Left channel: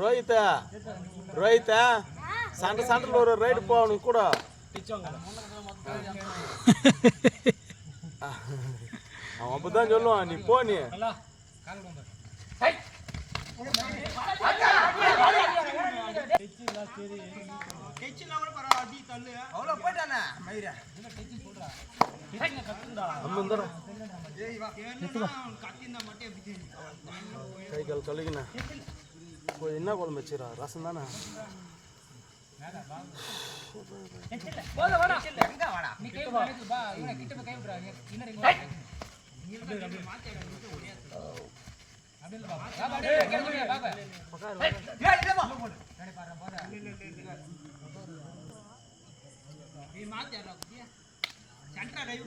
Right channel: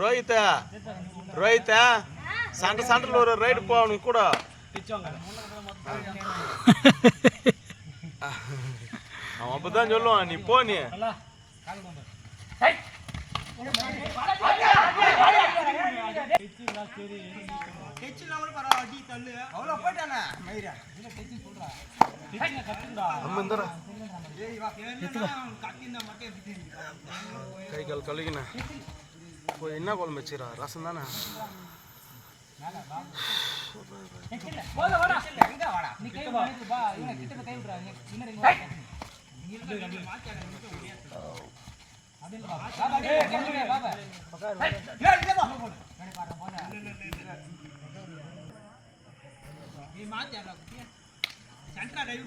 ரோஹித் சண்டை ஒரு ரைடு போகணும் கூட அவன் அப்பதான் சொல்லுவான் நீ போ நீ கை கால் கழுகின என்ன குழம்பு வச்சுக்கிறா ரசம் தானே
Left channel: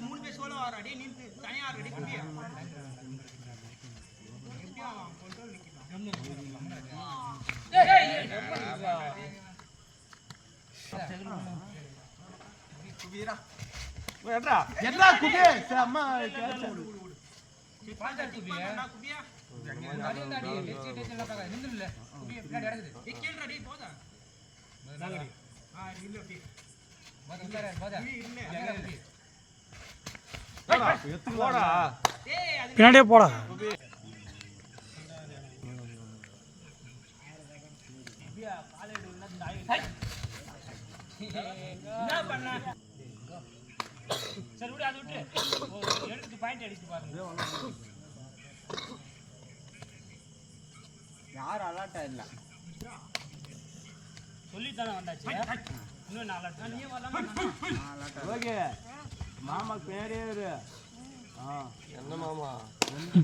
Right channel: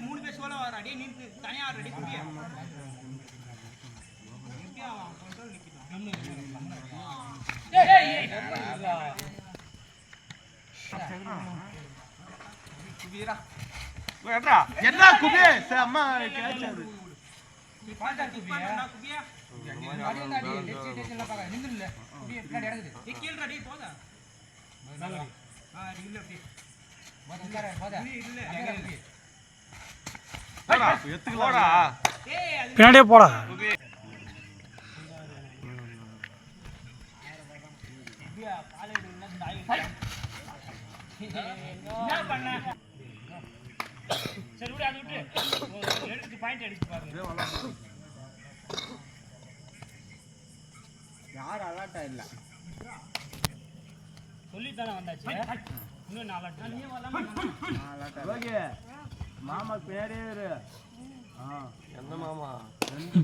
மூணு பேர் சோழ வர அடியே நீ தனியா ரெடி குடியா என்ன குபே அம்மா கேட்சது பாண்டா குபியா குபியா அடி டெச்சி டெச்சில பாக்க நிங்கல குபியா பின்னாடி எடுக்குது கீழ ரெடி போதா இல்ல அப்படி போதா இல்ல போடா பின்னாடியே போடா சரி விடு அது விட்டு எடுத்து பாயிண்ட் அடிச்சு பாருங்க யார் அலர்ட்டா இல்ல சொல்லிட்டானே வந்தாச்சு இன்னும் நாலட்டா நீ வரலாமா ஓகே மாமா பேரேரு எந்த மாமா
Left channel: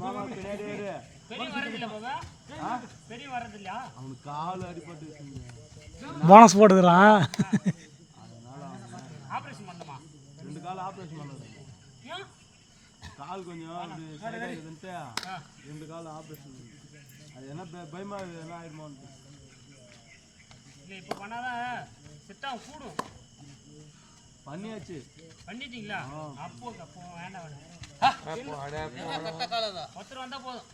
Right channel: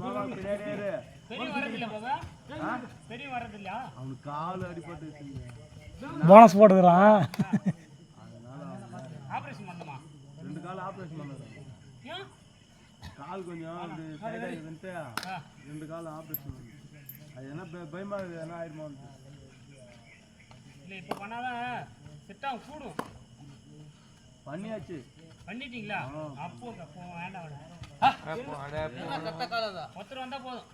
மாமா பேரேரு பெரிய வரதில்ல பாபா பெரிய வரதில்ல அவன் கால் அடிபட்டு போனஸ் போடுறான் ஆபரேஷன் பண்ணமா ரெண்டு கால் ஆபரேஷன் பண்ணது ஏன் கால் கொஞ்சம் சைடு ஆயிடுதுன்ட்டு ரெண்டு கால் ஆபரேஷன் பண்ணது அது என்ன பயமா என்ன ஆயிடுமோ இல்லை இப்போ பண்ணாதான் செட்டாக கூடும் பண்ணியாச்சு பண்ணிட்டீங்களா அப்போ வேண்டாம் ஒருத்தர் வந்தா போதும்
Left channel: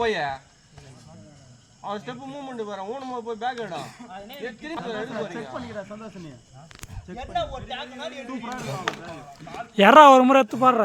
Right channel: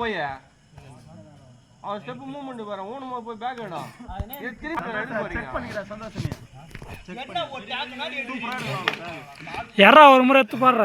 போய் அவன் ஸ்டெப் மூவ்மெண்ட் வர ஊனமா போய் பேக் வேணும் யாரா ஒரு முறை எடுத்து பாடுற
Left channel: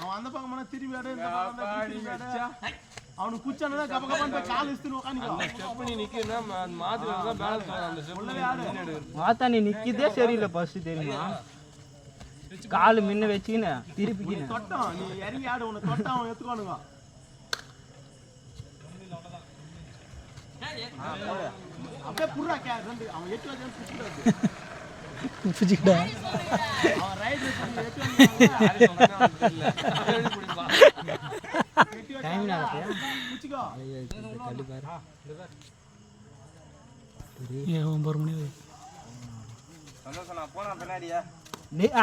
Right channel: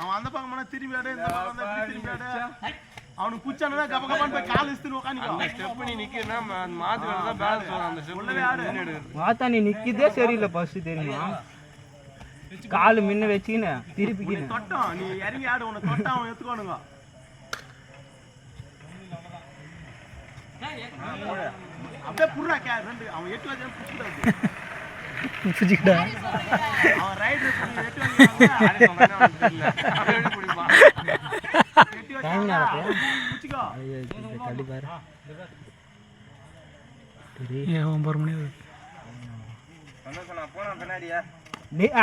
அவன் அந்த பக்கம் திரும்பி அவனுக்கு குச்சானே கால் மாத்தா நீ நிக்கதே சரியில்லை பஸ் தெரியுமா கால் முன்ன வச்சுக்கின்னு திருப்பிக்கின்னு நீ இறங்கி ஆடு உன தொட்டா அவன் எடுத்துக்கோணுங்க அப்படியே புடுறா ரெண்டு அவன் 8 வயசு புடிச்சிடா அவன் ரைட் 8 வயசு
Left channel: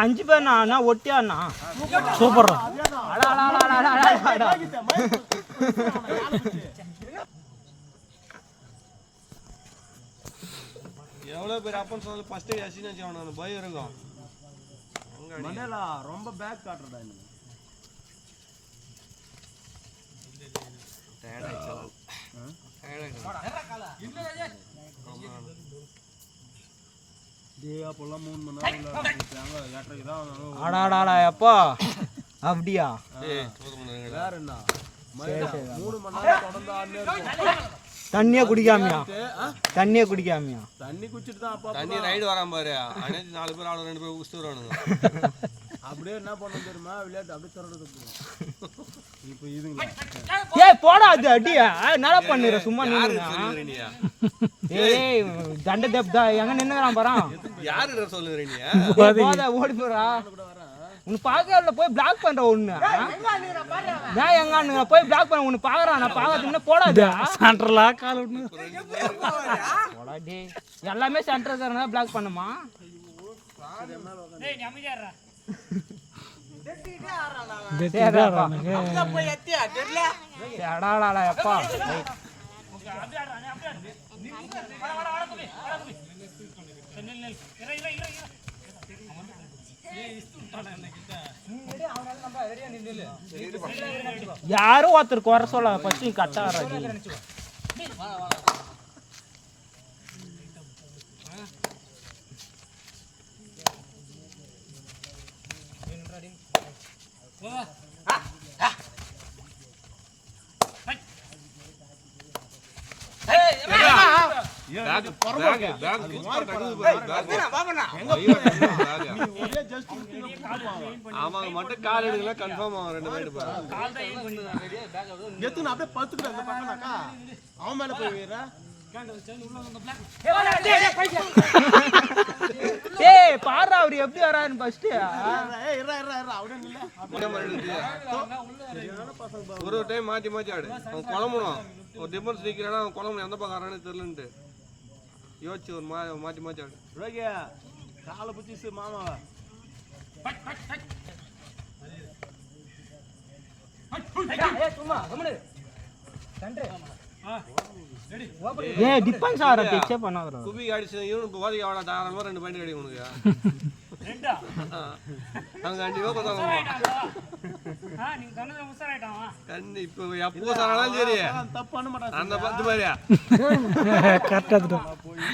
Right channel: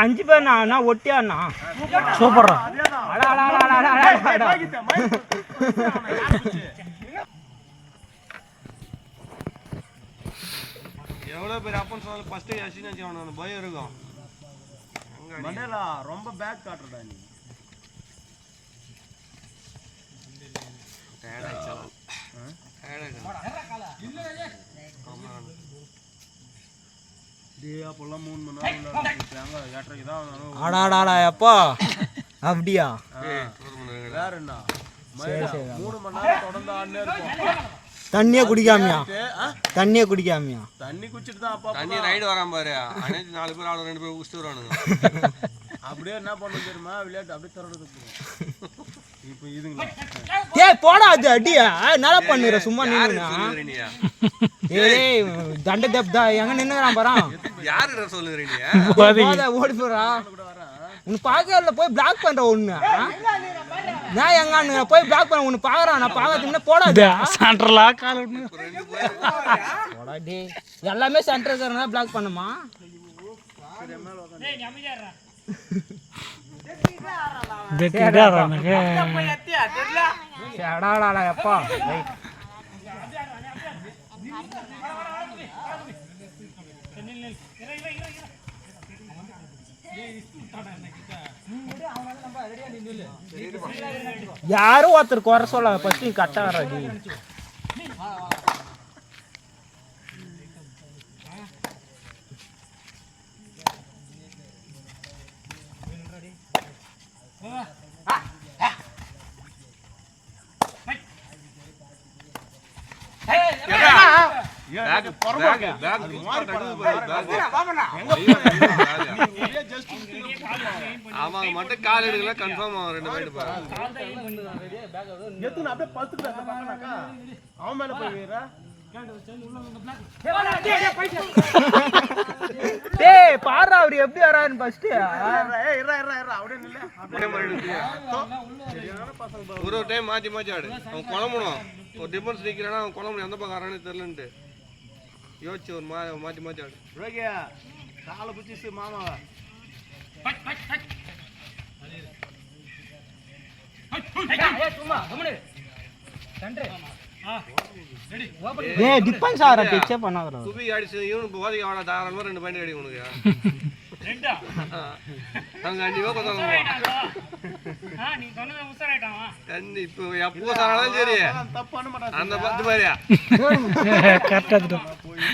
அஞ்சு பேர் நான் ஒட்டியாண்ணா சூப்பர்ரா எவ்வளவு பேர் அப்பன்னு சொன்ன ஃபர்ஸ்ட் யசினா ஜான பயம் இருக்கும் மனேலா ரொம்ப பேக் காட்றடா நீ டயர்ட் ஆயிச்சா டேய் அப்பலாம் 3 மணி நேரம் ஏற்றக்கு தான் ஆடாடா அப்பா அப்படியா வேற என்ன 3 மணி நேரம் தொடர்ந்து ஆடுனே இருக்கும் தண்ணியே குடிக்காமையா தண்ணி குடிச்சிட்டு தான் அப்பா தண்ணி ரைடு வராம பாரு அனைத்து 4 பேர் ஆளு 2 பேர் உஸ்து வரானுங்க அப்படியே என்ன பண்ண தெரியுமா விளையாட்டு அப்படியே தரது இப்போ இதுங்க ஏய் போடா அது அடியா என்னடா பண்ணுற சும்மா நின்னுனா ஏய் தண்ட தப்தா எங்க நின்னுறான் பாறா யாருடா சொல்லுற நீ போடா ஓடி போறா உன்னை பாக்கறல போய் பிளாக் பண்ற ஒண்ணு நான் எங்க போய் பிளாக் பண்ண உன்னை பாக்குறான் நான் பாக்காதீங்க போடா சென்டர்லா கால் விட்டு போடா டேய் எல்லாமே சென்டர் சரனா பிளாக் பண்ணுமா டேய் நீ அமைதியா இருடா தெரியடா எனக்கு எடாடா அப்பா டேய் யாரும் ஒருத்தர் குறை சொல்ல பசி கட்டா வராது அவன் மட்டும் கால் எடுக்கலாம் கன்ஃபார்ம் ஆகும் 2 மைண்ட் பா எத்துன அப்படியே படுத்துட்டு அந்த பக்கம்னாக்கா அவன் மேல போய் வீரா டேய் பாரு அவர் எப்படி வராருன்னு ஃபர்ஸ்ட் அப்படியே நில்ல ஒரு டைம் மாத்தி மாத்தி ஆடு அவன் குழம்பணும் ஒரு டிஃபென்ஸ் நிக்கிறானா அவன் குழம்பு எந்த பக்கம் வரானே தெரியலன்ட்டு யோசிச்சு ஒரு மாத்தி மாத்தி ஆடு ரோகியா காலை பிடிச்சி மாமா ஏய் டிஃபென்ஸ் ஆற டச்சே பண்ணாதடா சுபி அடிச்சு இவனுக்கு போவாதீங்க அவன தாராளமா 2 பாயிண்ட் அடி உனக்கு ரெண்டா நாங்க கண்டிப்பா கொண்டாடுறோம் நீ சொன்னதே உசாராயிட்டான் கண்டி இப்போ எப்போ சாராலும் சரி தப்பு பண்ண மாட்டான் அந்த பத்து மாதிரியா கரெக்டா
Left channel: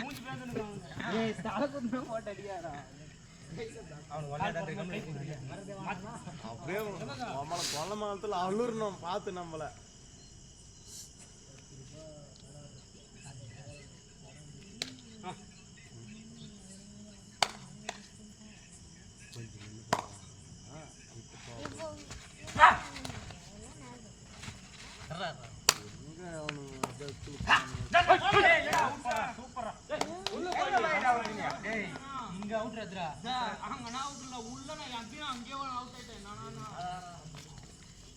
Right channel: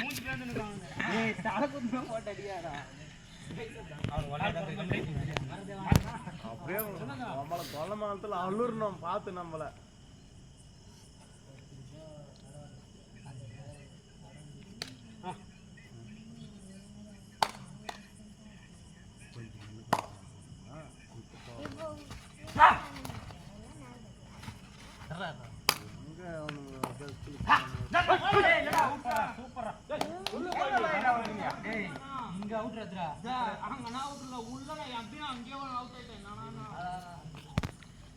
மூஞ்சி பேந்து நிக்காங்க ஏய் தல குத்துன போட்டு அடியாடா அவன் வளையதான் சொல்ல மாதத்துல அழுறணும் பார்த்து நம்மள இங்க அவுட்றதுடா அங்க நான் அவுட்ல உள்ள நான் அப்படியே அங்கேயே அவுட்